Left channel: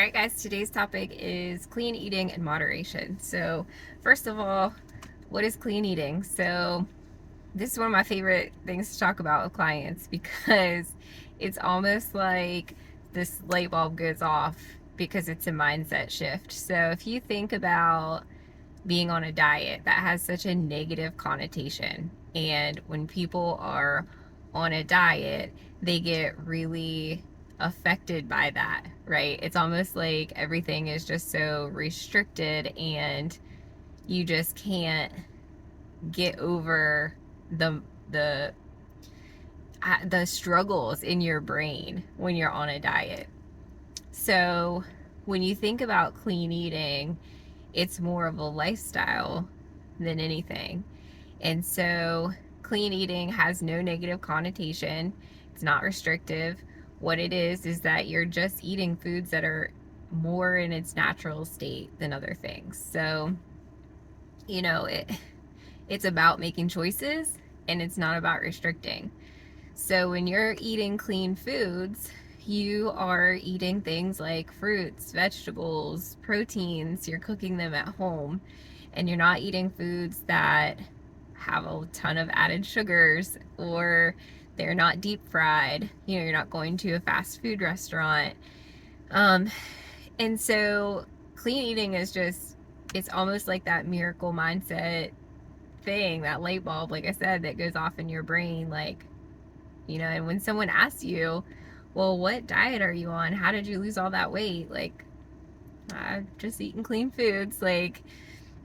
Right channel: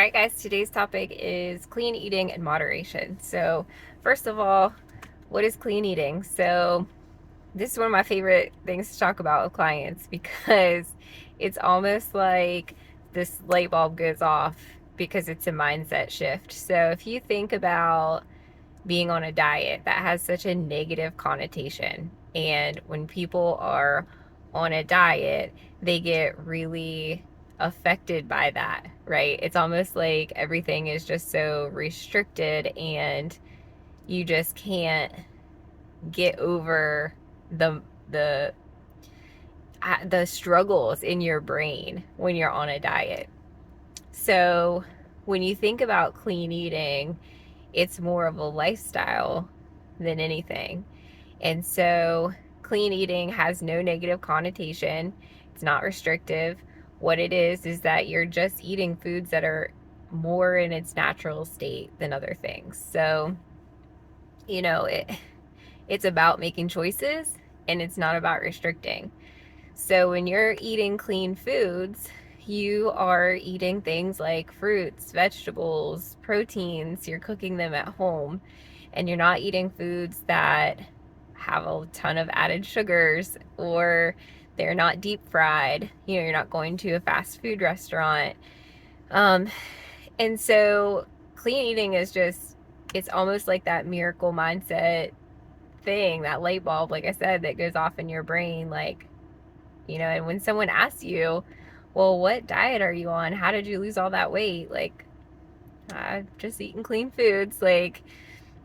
All right, guys, today's topic is clean eating and moderation. So, first of all, what is clean eating? So, this is one of my favorite things to talk about with clients because it's almost like this light bulb goes off because it's a mindset shift. So, if you think about being on a diet, that has such a negative connotation. And when people are on a diet, they get really affected by that, right? It's almost like everything is just so restricted and you just can't get over the the struggles in your brain when you're on a diet. So, when you think about clean eating, it's more of a lifestyle than anything. And so, clean eating has no negative connotation, it's not restrictive. What it is that you're just eating foods that are more in its natural state than other things. So, you know, it's about making choices and it's not about restricting. So when you're eating clean foods, you are eating things like fruits, vegetables, proteins, you're cooking them at home, and you're not eating foods that have a ton of added sugars or they're not deep fried. You know, you're not going to a fast food restaurant. Um, and so clean eating is just, it's almost like that miracle mindset thing, that light bulb, like I said, that goes off in your brain. Like, you know, and when someone asks you, well, what diet are you on? How did you lose all that weight? Like, I've just eaten clean foods. Like,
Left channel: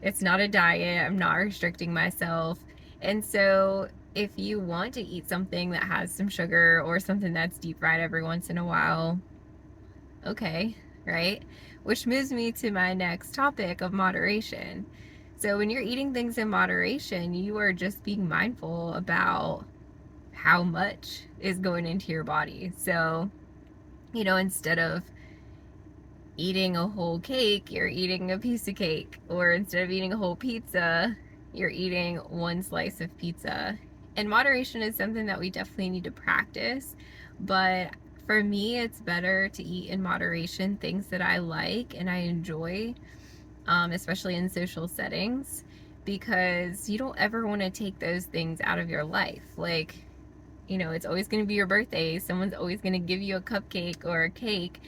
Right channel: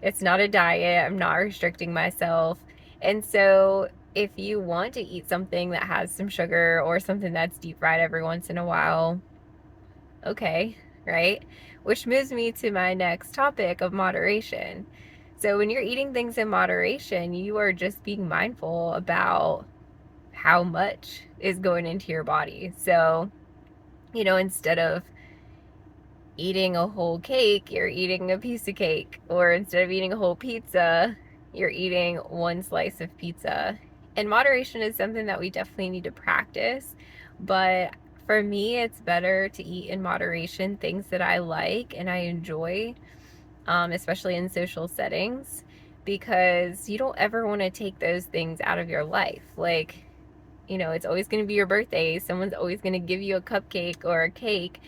it's not a diet. I'm not restricting myself. And so, if you want to eat something that has some sugar or something that's deep fried every once in a while, okay, right? Which moves me to my next topic of moderation. So, when you're eating things in moderation, you are just being mindful about how much is going into your body. So, you know, instead of eating a whole cake, you're eating a piece of cake. Or instead of eating a whole pizza, you're eating one slice of pizza. And moderation is something that we definitely need to practice. But for me, it's better to eat in moderation things that I like and I enjoy, especially in social settings, because you don't ever want to take those things out of your life. Like, you know, it's always going to be your birthday. Someone's always going to give you a cupcake or a cake,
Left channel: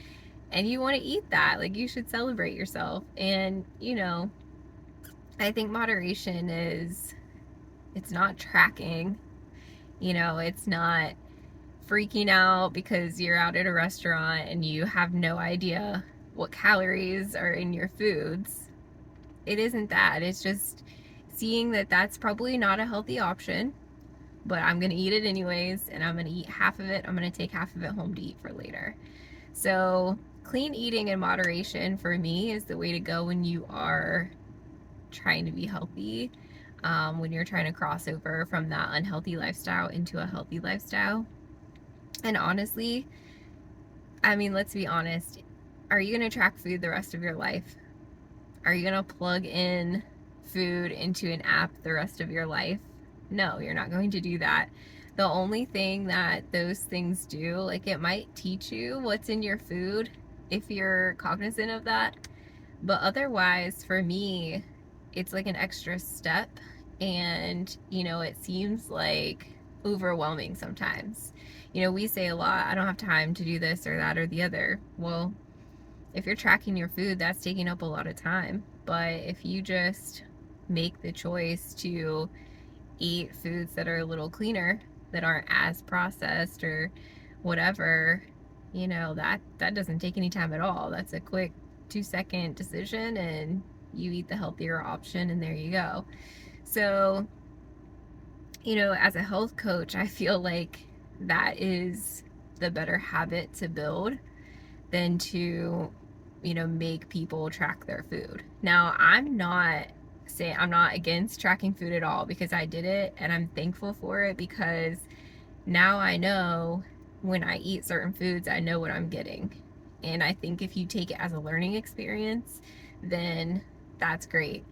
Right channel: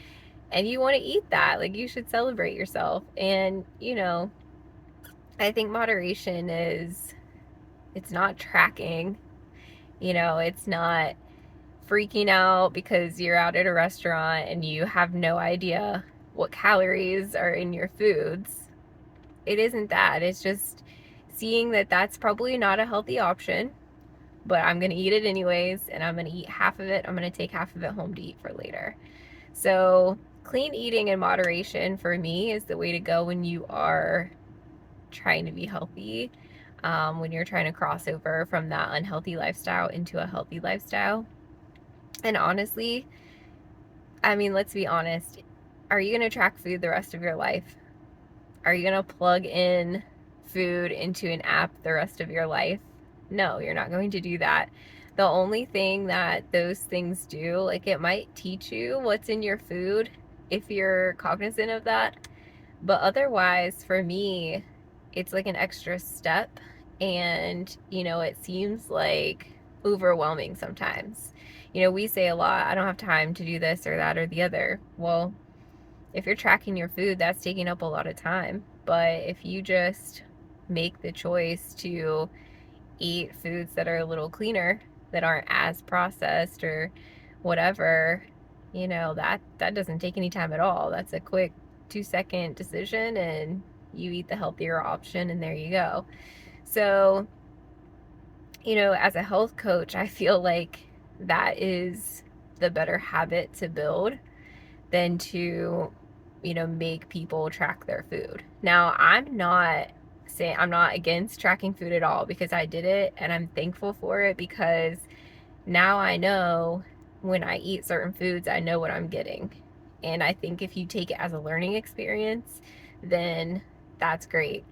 and you want to eat that. Like, you should celebrate yourself. And, you know, I think moderation is, it's not tracking, you know, it's not freaking out because you're out at a restaurant and you have no idea what calories are in your foods. It isn't that. It's just seeing that that's probably not a healthy option, but I'm going to eat it anyways, and I'm going to eat half of it. I'm going to take half of it home to eat for later. So, clean eating in moderation for me is the way to go when you are trying to be healthy, when you're trying to cross over from that unhealthy lifestyle into a healthy lifestyle. And honestly, I mean, let's be honest. Are you going to track food the rest of your life? Are you going to plug in food into an app the rest of your life? No, you're not going to do that. The only thing that those things do, like, it might teach you what's in your food if you're cognizant of that. But otherwise, for me, it's like an extra step. And, you know, it seems like overwhelming sometimes. You know, we say a lot, I don't have time to do this or that or the other. Well, if you're tracking your food, that's taking up a lot of time. But if you just make the choice to eat foods that are a little cleaner, that aren't as processed or whatever, you know, that doesn't take any time at all. That's a quick 2-second decision and you eat the healthier option and there you go. So, you know, as a health coach, I feel like that is the better habit to build than to, you know, make people track their food. Now, I'm not against tracking food at all, because I did it and I'm thankful for it, because now I know when I eat certain foods, I know what I'm getting. And I think if you take it as a learning experience, then that's great.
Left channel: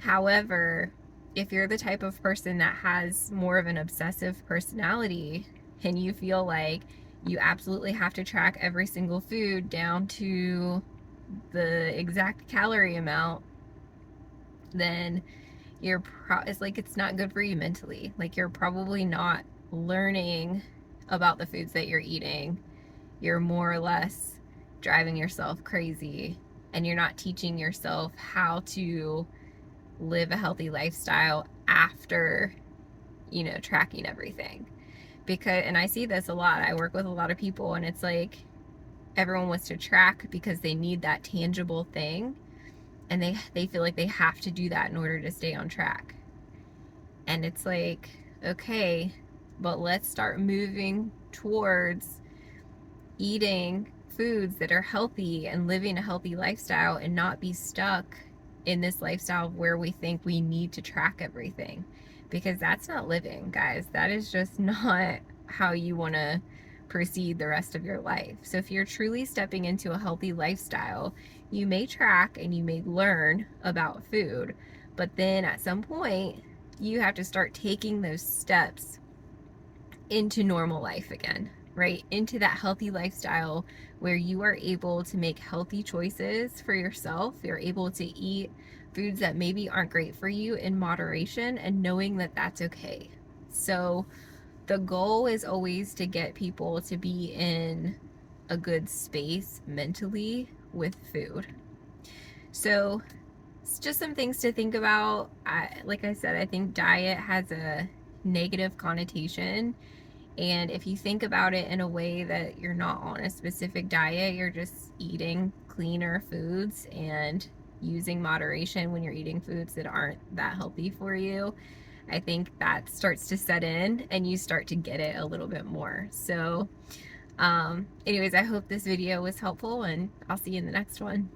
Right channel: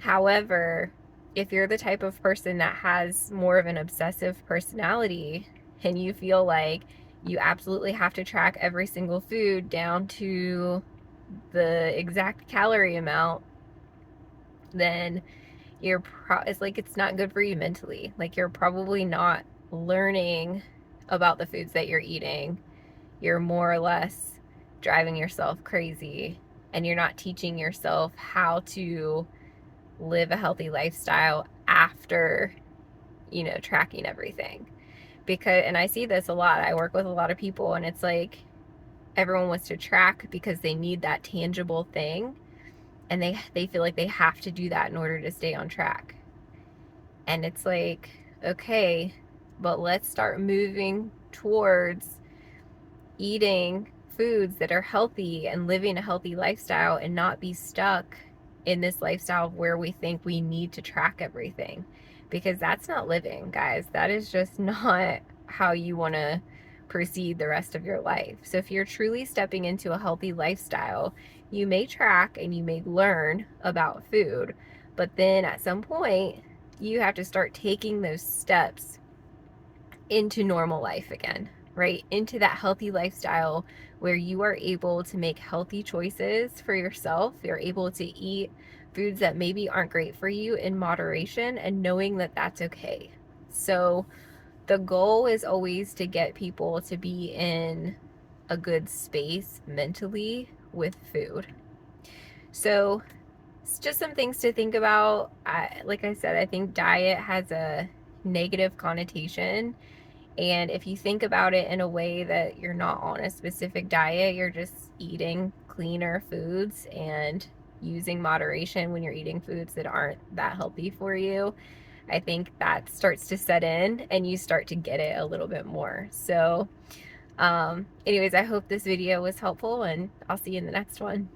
However, if you're the type of person that has more of an obsessive personality and you feel like you absolutely have to track every single food down to the exact calorie amount, then it's like it's not good for you mentally. Like you're probably not learning about the foods that you're eating. You're more or less driving yourself crazy, and you're not teaching yourself how to live a healthy lifestyle after, tracking everything. Because, and I see this a lot. I work with a lot of people, and it's like everyone wants to track because they need that tangible thing, and they feel like they have to do that in order to stay on track. And it's like, okay, but let's start moving towards eating foods that are healthy and living a healthy lifestyle, and not be stuck in this lifestyle where we think we need to track everything, because that's not living, guys. That is just not how you want to proceed the rest of your life. So if you're truly stepping into a healthy lifestyle, you may track and you may learn about food, but then at some point you have to start taking those steps into normal life again, right? Into that healthy lifestyle where you are able to make healthy choices for yourself. You're able to eat foods that maybe aren't great for you in moderation, and knowing that that's okay. So the goal is always to get people to be in a good space mentally with food. So it's just some things to think about. Like I said, I think diet has a negative connotation. And if you think about it in a way that you're not on a specific diet, you're just eating cleaner foods and using moderation when you're eating foods that aren't that healthy for you, I think that starts to set in and you start to get it a little bit more. So, anyways, I hope this video was helpful, and I'll see you in the next one.